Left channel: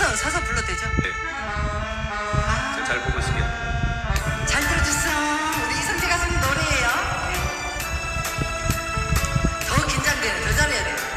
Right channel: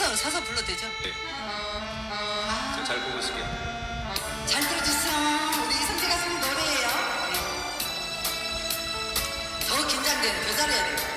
서서 서서 불러도 되죠? 네. 아, 잘 보고 있을게요. 잘 들어주세요. 우리 이성재 가수님 노래예요. 네. 더 긴장돼요. 더 잘해야 돼요.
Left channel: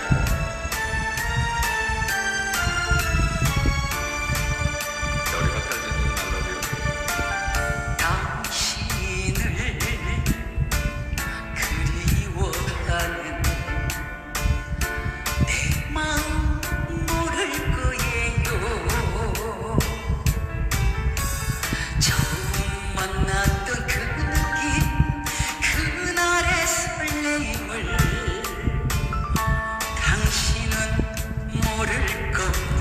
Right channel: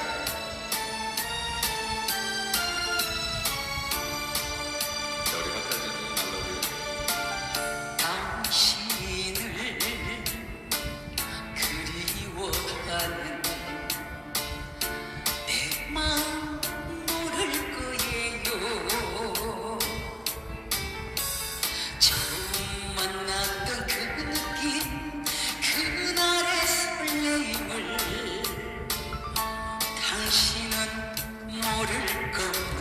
너를 믿고